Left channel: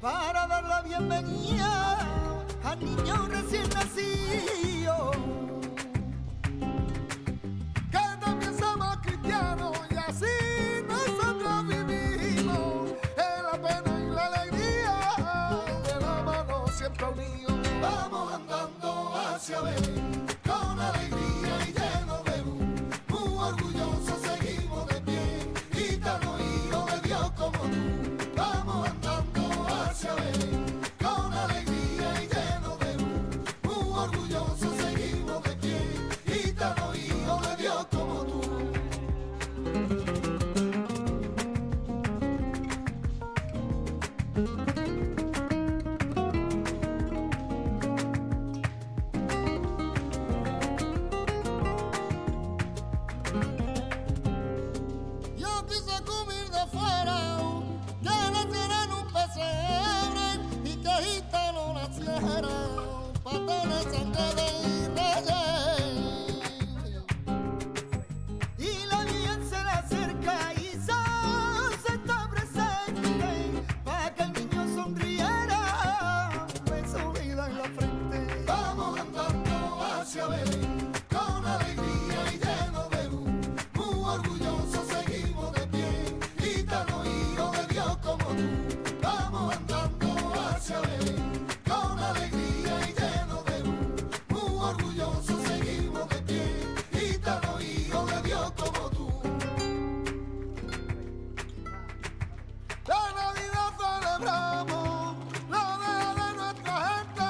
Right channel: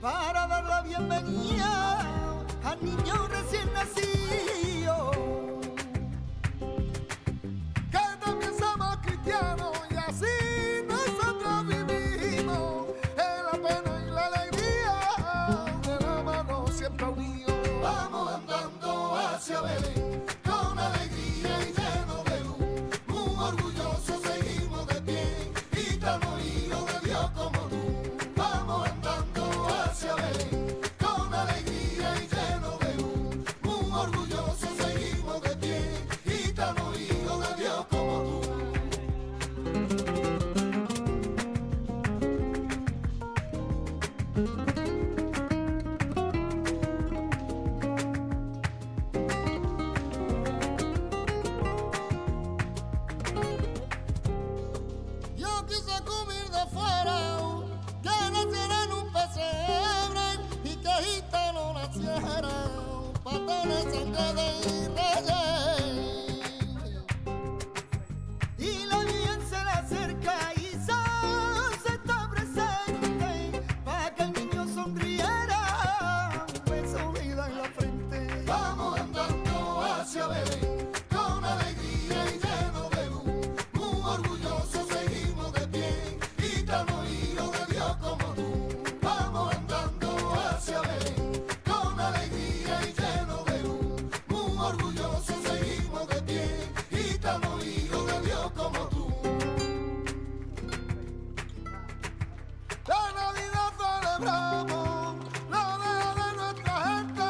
para dar la bienvenida al niño recién nacido. Que también somos cristianos y así nosotros vivimos en la pena y la alegría de la mano siempre unidos. Vamos andando hacia Belén con alegría y lleno de luz, muy orgullosos seguimos de pie, gitano hijo de Dios como tú. Vamos andando hacia Belén con alegría y lleno de luz, muy orgullosos seguimos de pie, gitano hijo de Dios como tú. Yo quise comer de fuera, que naciera en un pesebre y que gitano naciera, para tener sangre de reyes. Y la bien se le acerca y se está presente, para que el niño sonriera, un beso vida en la frente. Vamos andando hacia Belén con alegría y lleno de luz, muy orgullosos seguimos de pie, gitano hijo de Dios como tú. Vamos andando hacia Belén con alegría y lleno de luz, muy orgullosos seguimos de pie, gitano hijo de Dios como tú. La Navidad celebramos, la deja de nuestra gente.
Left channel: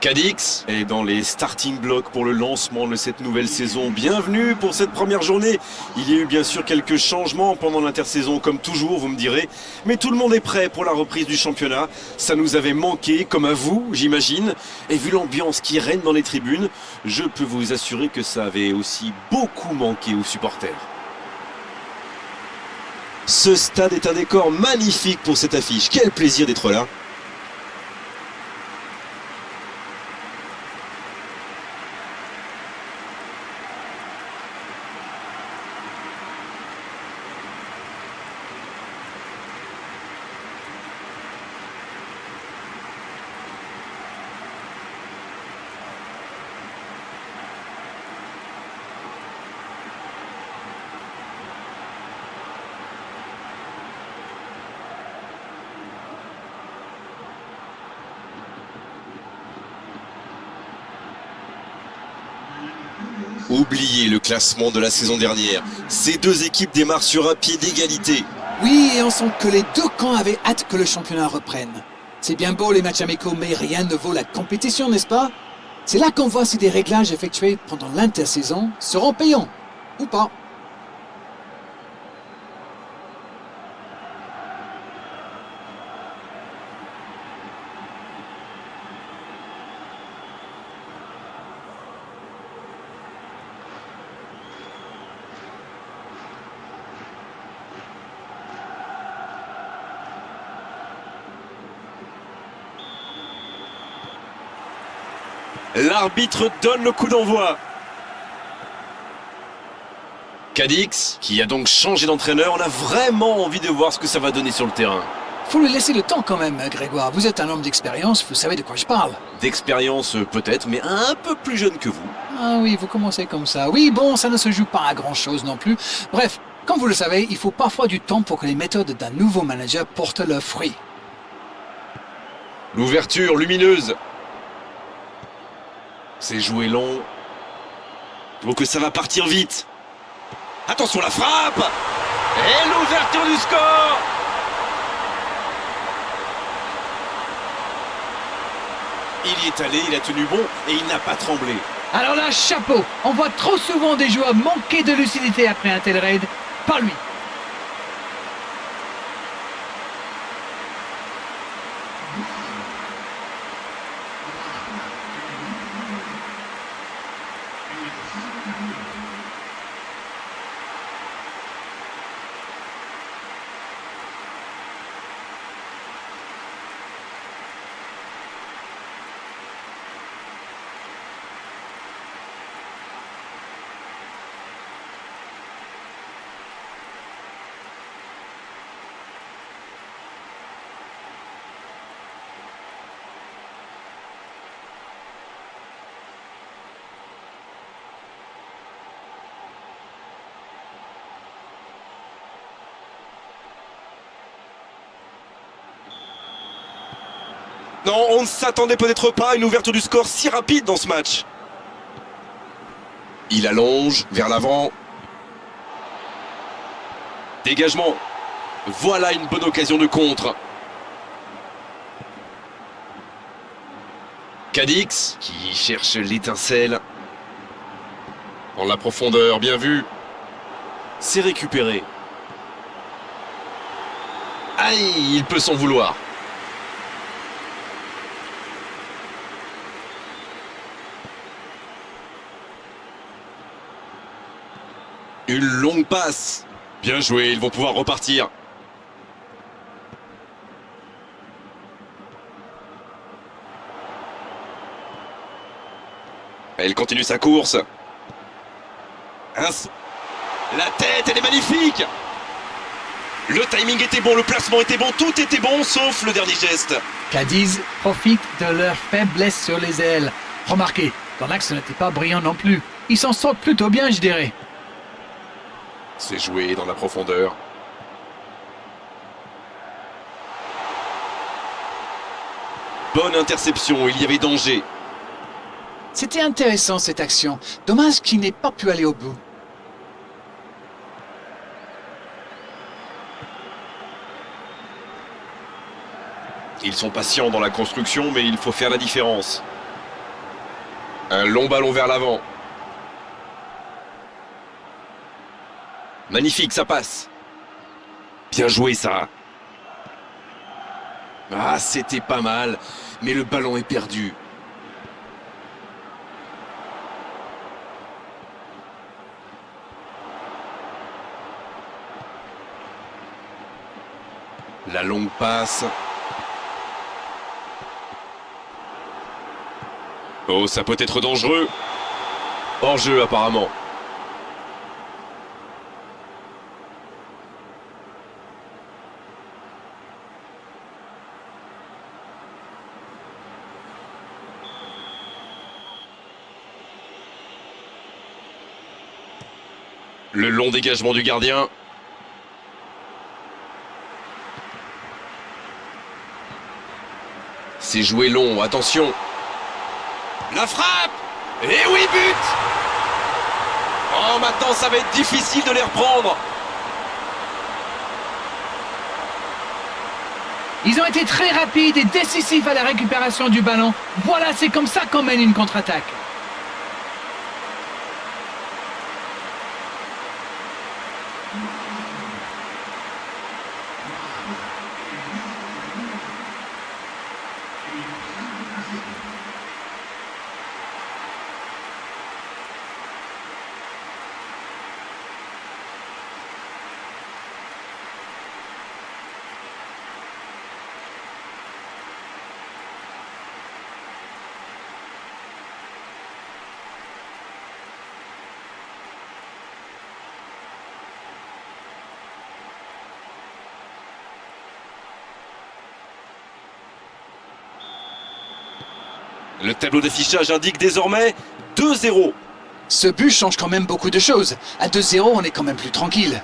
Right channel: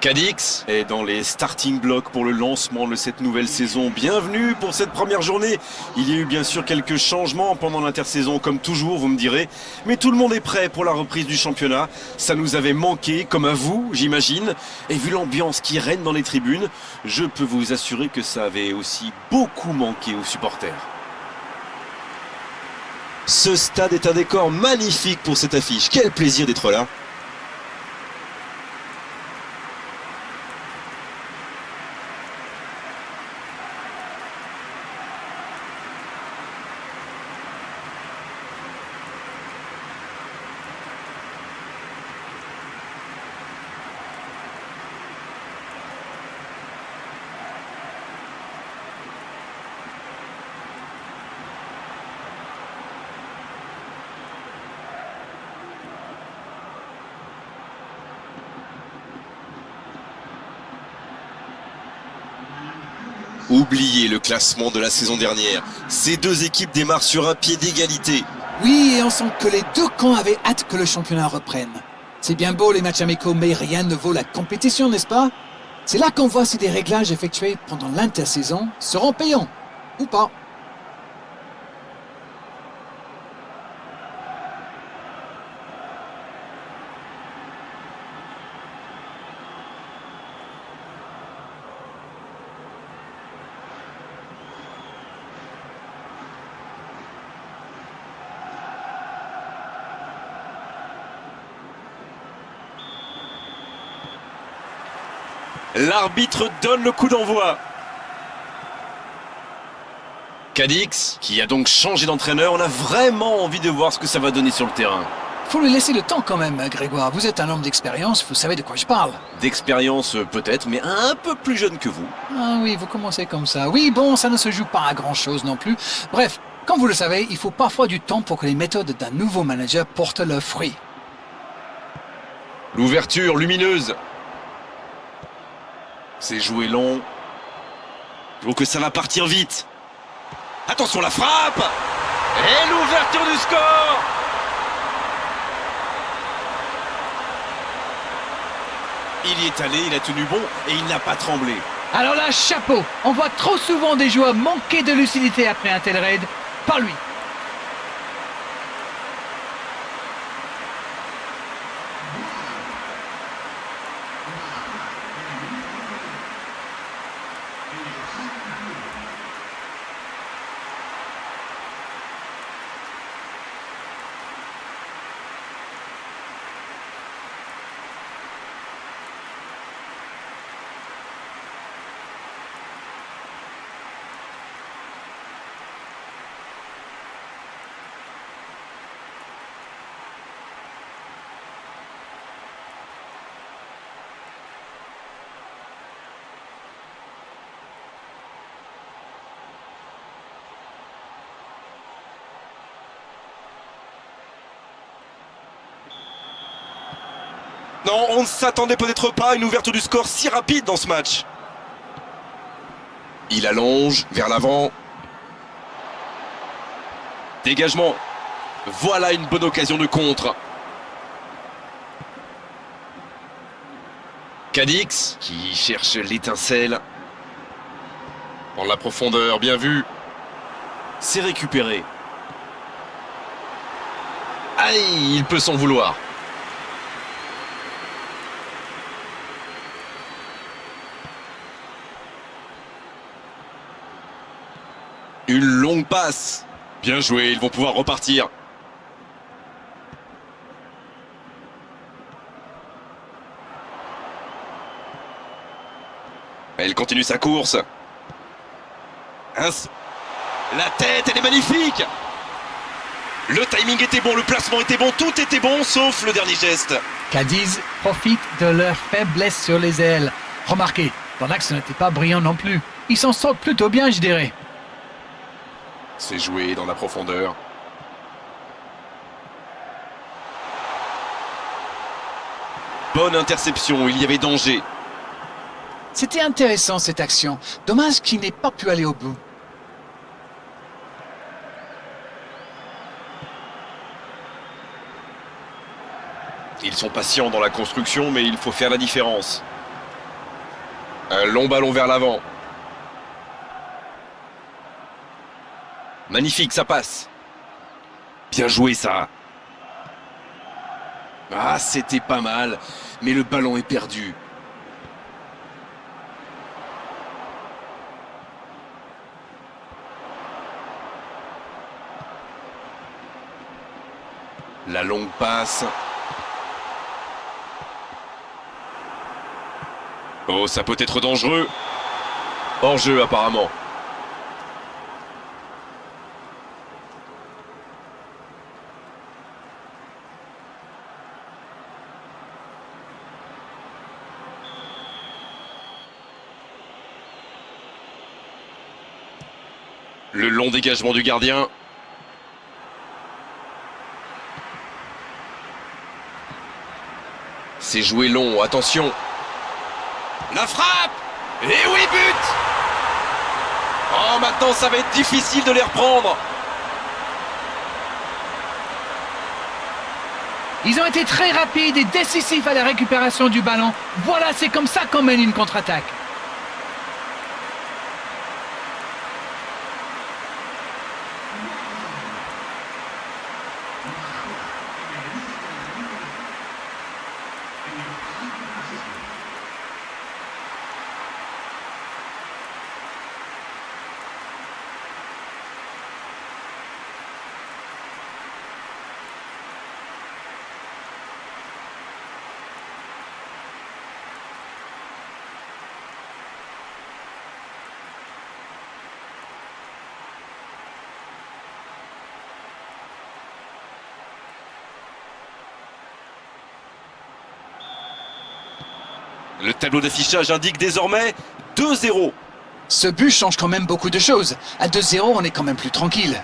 Cadix est dans les starting blocks pour le lancement de cette nouvelle saison. Bienvenue pour cette première journée. Il y a eu bien sûr quelques changements pendant l'intersaison, comme toujours, vous me direz. Mais tout le monde est prêt pour la reprise du championnat. Ça nous avait manqué, comme à vous, j'imagine. Et vu l'ambiance qui règne dans les tribunes, je peux vous assurer que ça avait aussi beaucoup manqué aux supporters. Ce stade est un décor magnifique pour cette affiche. Quel plaisir d'être là. Oubliez le classement de la saison dernière. Ces deux équipes démarrent sur un pied d'égalité. Oui, et on sent que les deux camps avaient hâte que le championnat reprenne. C'est bien beau les matchs amicaux, mais rien ne vaut la compétition, n'est-ce pas? C'est là qu'on voit si des réglages effectués pendant l'intersaison seront payants ou pas. L'arbitre donne le coup d'envoi. Cadix, qui a donc changé d'entraîneur, on a vraiment envie de voir ce que ça va donner sur le terrain. Faut lui laisser le temps quand même, Grégoire. Vous êtes un homme d'expérience, vous savez de quoi je parle. D'expérience peut-être, mais un peu plus jeune que vous. Ah oui, vous commencez comme ça. Oui, bon, ça ne se joue pas à grand-chose non plus. Bref, comme vous le savez, il faut parfois du temps pour que les méthodes d'un nouveau manager portent leurs fruits. L'ouverture lumineuse. C'est joué long. Donc que ça va partir vite. Attention la frappe. Et l'ouverture du score. Il y est allé, il a tenu bon et il n'a pas tremblé. Alors là, chapeau. On voit trop souvent des joueurs manquer de lucidité après un tel raid. Pas lui. Non, on ne s'attendait peut-être pas à une ouverture du score si rapide dans ce match. Il allonge vers l'avant. Dégagement. Voilà une bonne occasion de contre. Cadix qui cherche l'étincelle. Dans la profondeur, bien vu. C'est récupéré. Aïe, il peut s'en vouloir. Une longue passe. Bien joué, ils vont pouvoir repartir. Elle continue sa course. La tête, elle est magnifique. Le timing était bon, le placement était bon, tout était bon, sauf le dernier geste. Cadiz profite de leur faiblesse sur les ailes. Remarquez, dans l'axe, ce n'était pas brillant non plus. Ils s'en sortent plutôt bien, je dirais. C'est joué dans la profondeur. Bonne interception, il y avait danger. C'était intéressant cette action. Dommage qu'il n'ait pas pu aller au bout. Ils sont patients dans la construction, mais il faut faire la différence. Un long ballon vers l'avant. Magnifique, ça passe. Bien joué, ça. Ah, c'était pas mal, mais le ballon est perdu. La longue passe. Oh, ça peut être dangereux. Hors-jeu, apparemment. Le long dégagement du gardien. C'est joué long, attention. La frappe! Et oui, but! Oh, maintenant ça va être difficile de les reprendre. Ils ont été très rapides et décisifs à la récupération du ballon. Voilà, c'est comme ça qu'on mène une contre-attaque. Le tableau d'affichage indique désormais 2-0. Ce but change quand même beaucoup de choses. À 2-0, on est quand même plus tranquille.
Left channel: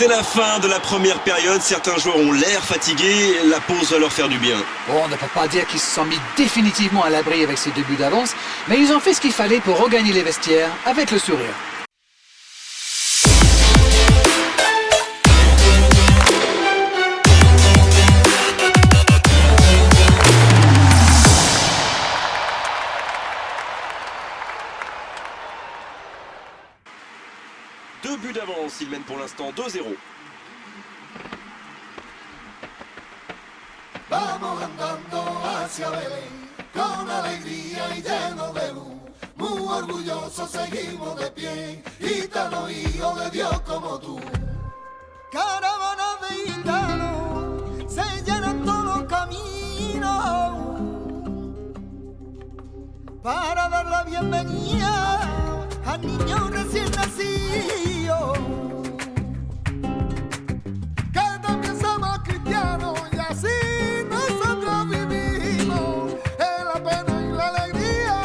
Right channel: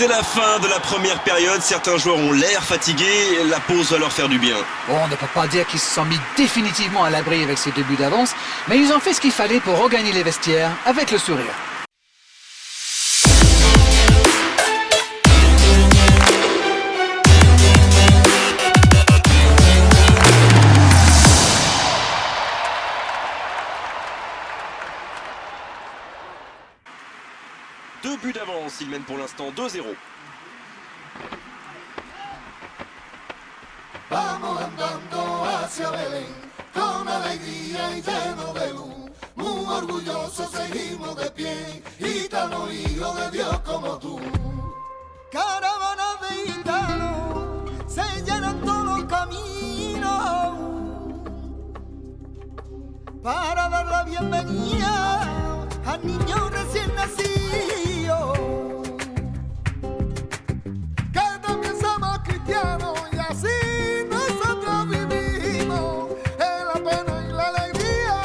C'est la fin de la première période. Certains joueurs ont l'air fatigués. La pause va leur faire du bien. Bon, on ne peut pas dire qu'ils se sont mis définitivement à l'abri avec ces 2 buts d'avance, mais ils ont fait ce qu'il fallait pour regagner les vestiaires avec le sourire. Deux buts d'avance, il mène pour l'instant 2-0. Vamos andando hacia Belén, con alegría y lleno de luz. Muy orgullosos seguimos de pie, gitano, hijo de Dios como tú. Caravanas de gitanos se llenan todos los caminos para dar la bienvenida al niño recién nacido. Que también somos cristianos y así nosotros vivimos en la pena y la alegría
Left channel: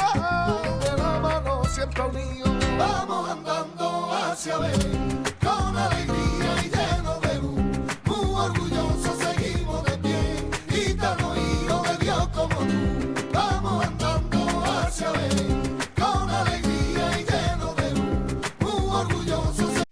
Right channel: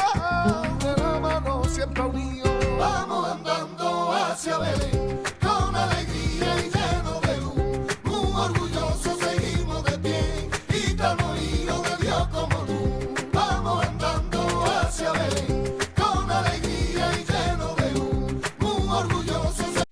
de la mano siempre unidos. Vamos andando hacia Belén con alegría y lleno de luz. Muy orgullosos seguimos de pie, gitano, hijo de Dios como tú. Vamos andando hacia Belén con alegría y lleno de luz. Muy orgullosos.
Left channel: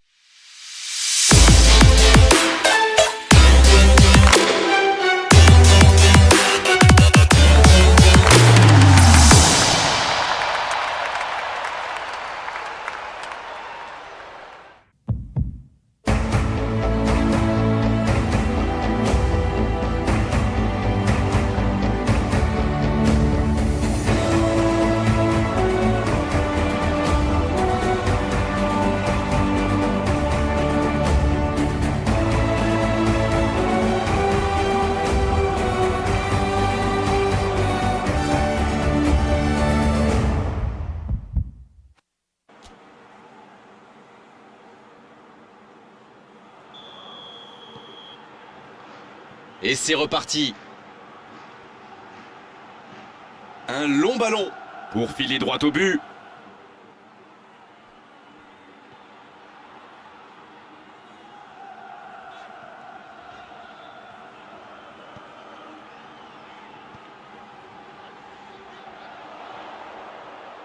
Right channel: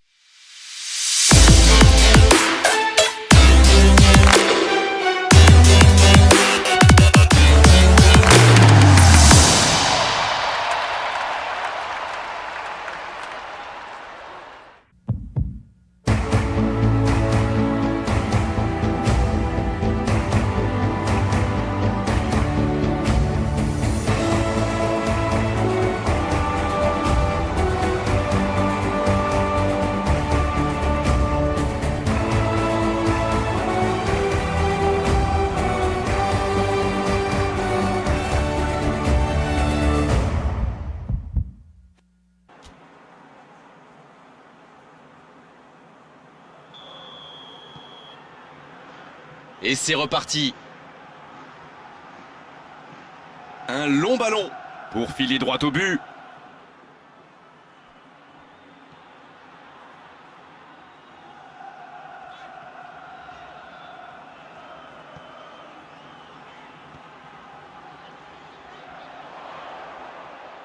Et c'est reparti. Un long ballon pour filer droit au but.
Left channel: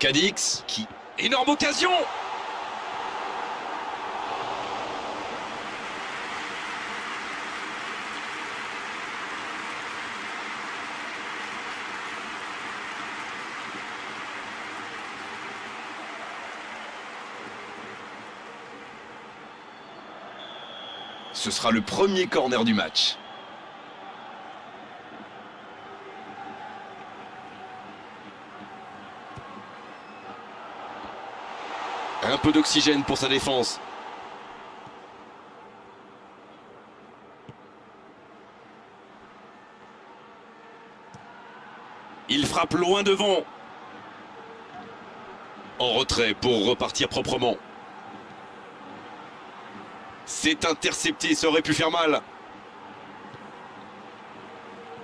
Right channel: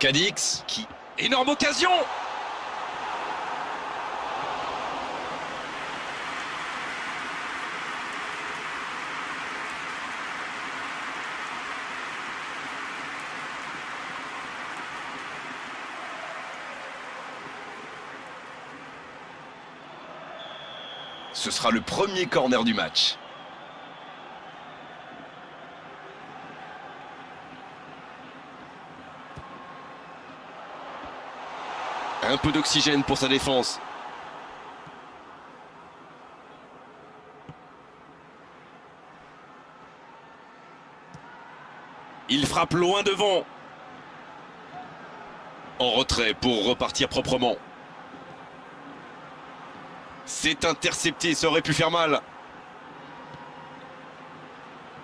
Cadix qui... Énorme occasion! Ce sera le premier corner du match. Un peu d'oxygène pour sa défense. Il frappe loin devant. En retrait pour repartir proprement. C'est intercepté, ça aurait pu faire mal.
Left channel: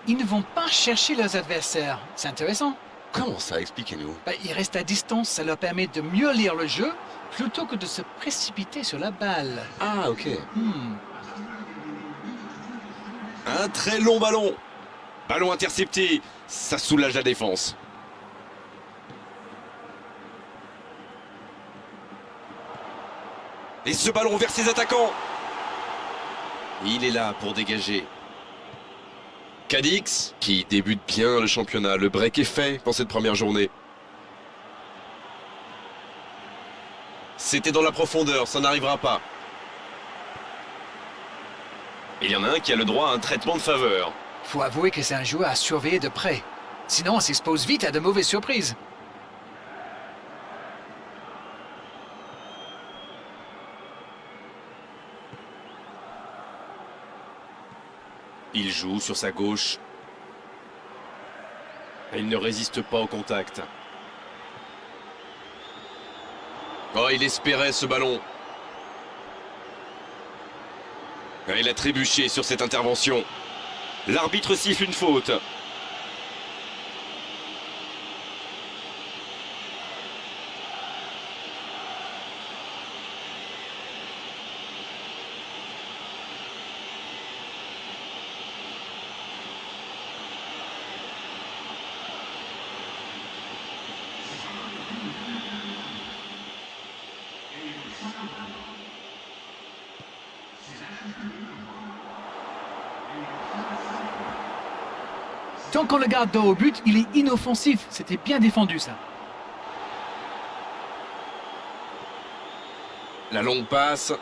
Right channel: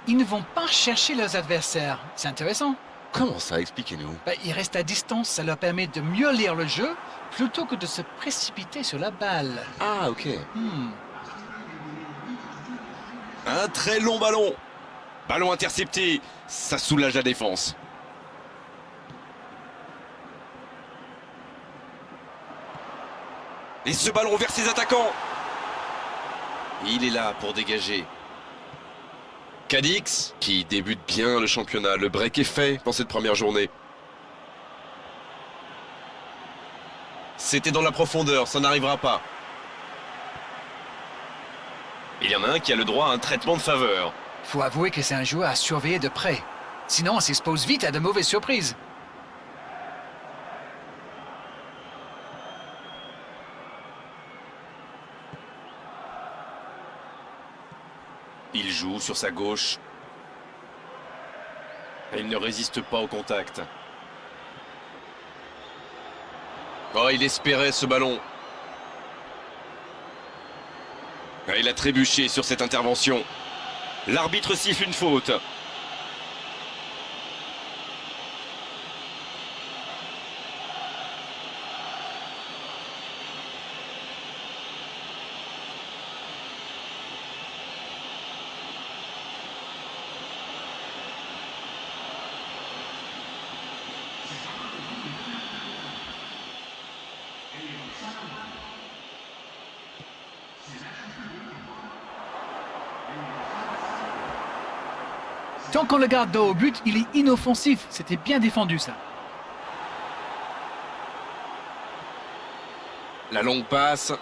Ils ne vont pas chercher leurs adversaires. C'est intéressant. Comment ça? Expliquez-nous. Ils restent à distance, ça leur permet de mieux lire le jeu plutôt que de se précipiter sur la balle. Ah, ok. Un très long ballon. Ballon intercepté, ça soulage la défense. Et ce ballon vers ses attaquants. Il est là pour dégager. Cadix, qui débute bien le championnat. Le break est fait dans cette première journée. C'était dans la profondeur, ça n'arrivera pas. Il y en a un qui a le droit à un traitement de faveur. Faut avouer que c'est un joueur à surveiller de près. Sinon, on s'expose vite à de mauvaises surprises. Il joue sur sa gauche. Et il ne résiste pas au contact. Oh, il espérait ce ballon. Et il a trébuché sur cette intervention. L'arbitre siffle une faute. Tant qu'on le garde dos au but, il est inoffensif. C'était bien défendu, ça. La longue passe.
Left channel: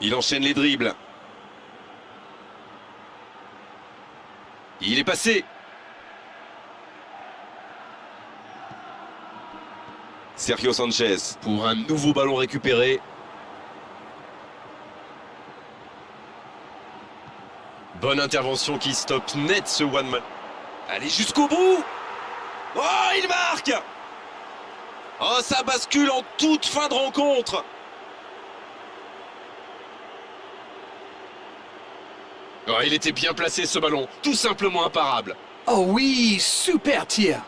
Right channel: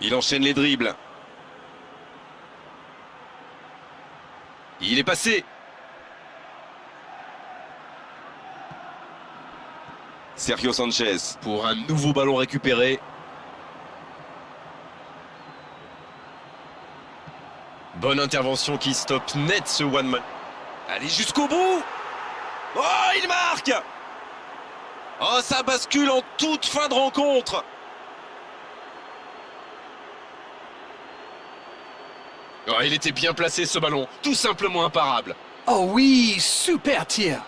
Il enchaîne les dribbles. Il est passé. Sergio Sanchez pour un nouveau ballon récupéré. Bonne intervention qui stoppe net ce one-man. Allez jusqu'au bout. Oh, il marque. Oh, ça bascule en toute fin de rencontre. Oh, il était bien placé ce ballon, tout simplement imparable. Oh oui, super tir.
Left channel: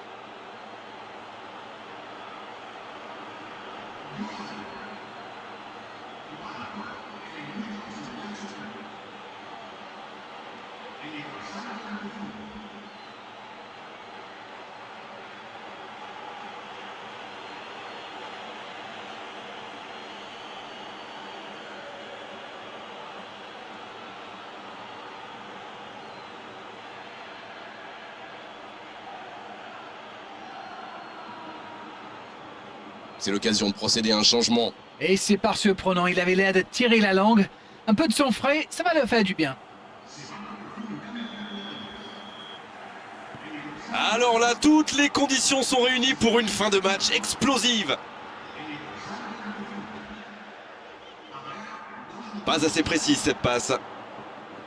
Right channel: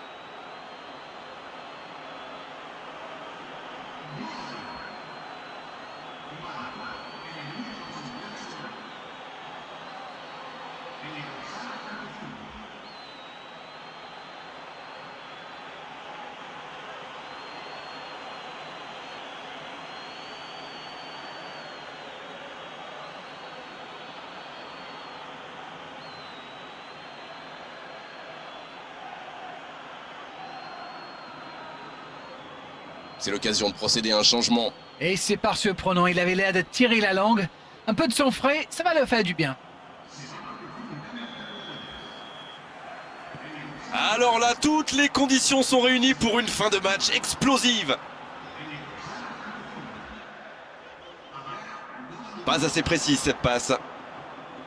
C'est l'occasion de procéder à un changement. Et c'est pas surprenant, il avait l'air de tirer la langue. Un peu de son frais, ça va leur faire du bien. Alors là, toutes les conditions sont réunies pour une fin de match explosive. Pas assez précise cette passe.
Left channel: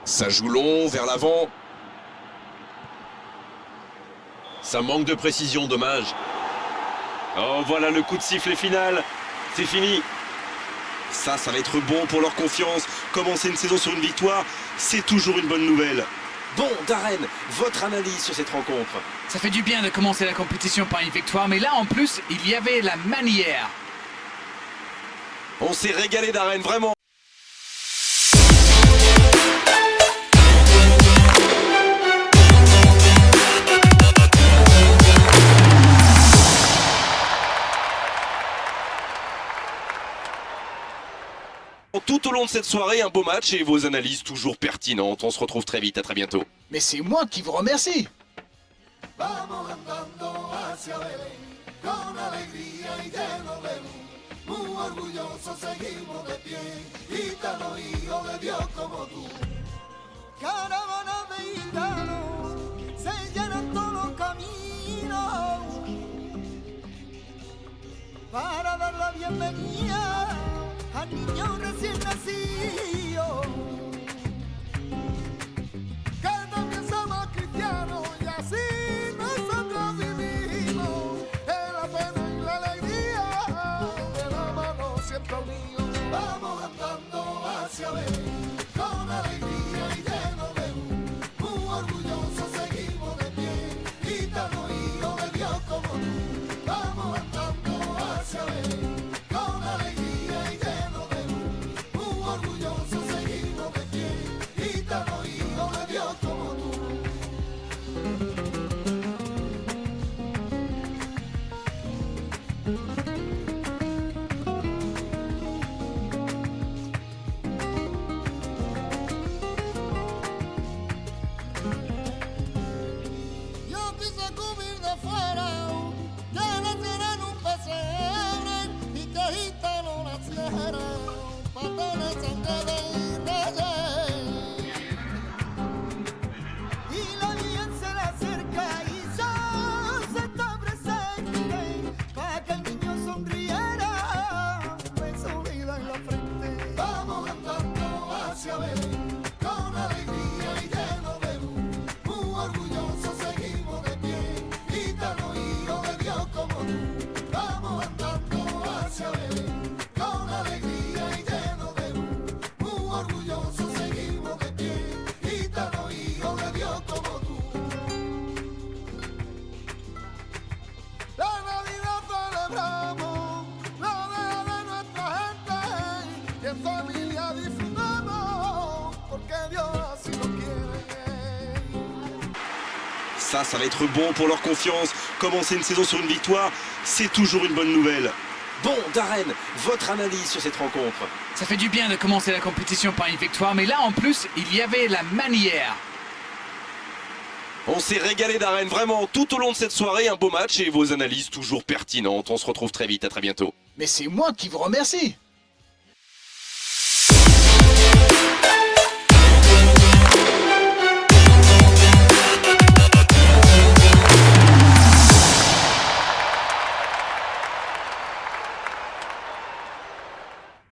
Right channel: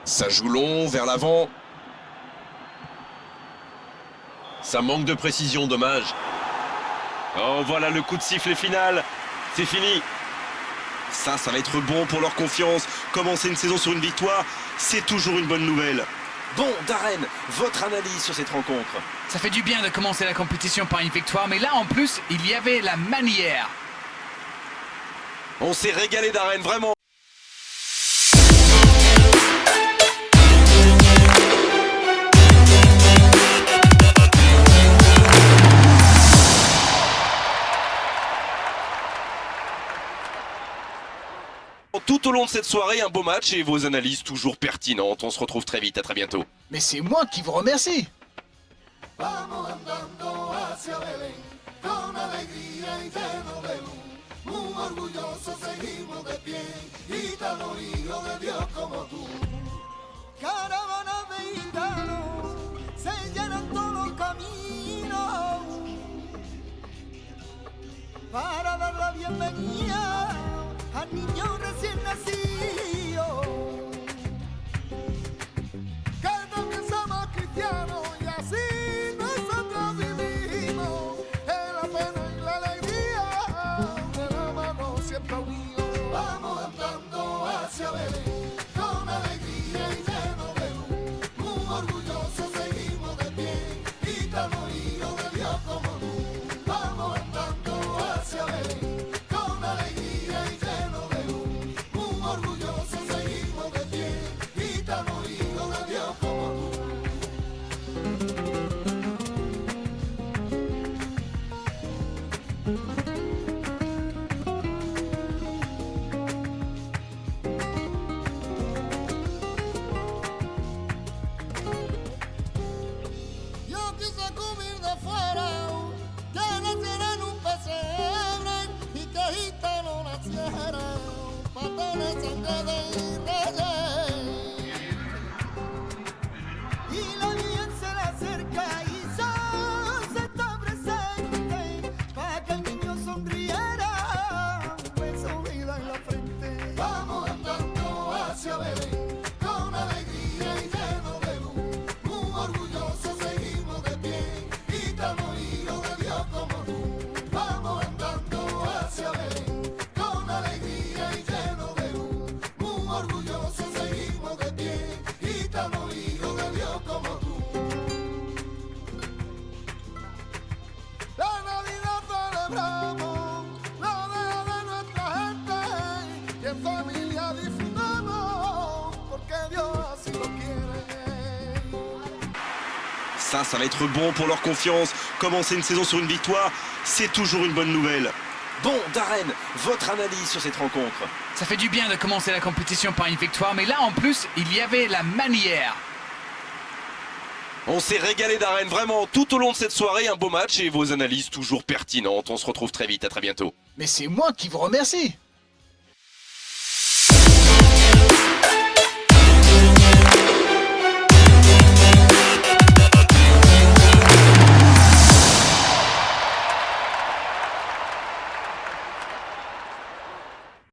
Ça joue long, vers l'avant. Ça manque de précision, dommage. Oh, voilà le coup de sifflet final. C'est fini. Ça va être bon pour leur confiance. Commencer une saison sur une victoire, c'est toujours une bonne nouvelle. Bon, Darren, votre analyse sur cette rencontre? Ça fait du bien de commencer la compétition par une victoire, mais là en plus, il y avait la manière. On s'est régalé, Darren, vraiment. Tout au long de cette soirée, un beau match et vos analyses toujours pertinentes. On se retrouve très vite, à très bientôt. Mais c'est moi qui vous remercie. Vamos andando hacia Belén, con alegría y lleno de luz, muy orgullosos seguimos de pie, gitano hijo de Dios como tú. Caravanas de gitanos se llenan todos los caminos para dar la bienvenida al niño recién nacido. Que también somos cristianos y así nosotros vivimos en la pena y la alegría de la mano siempre unidos. Vamos andando hacia Belén con alegría y lleno de luz, muy orgullosos seguimos de pie, gitano hijo de Dios como tú. Vamos andando hacia Belén con alegría y lleno de luz, muy orgullosos seguimos. Ça va être bon pour leur confiance. Commencer une saison sur une victoire, c'est toujours une bonne nouvelle. Bon, Darren, votre analyse sur cette rencontre? Ça fait du bien de commencer la compétition par une victoire, mais là en plus, il y avait la manière. On s'est régalé, Darren, vraiment, tout au long de cette soirée, un beau match et vos analyses toujours pertinentes. On se retrouve très vite, à très bientôt. Mais c'est moi qui vous remercie.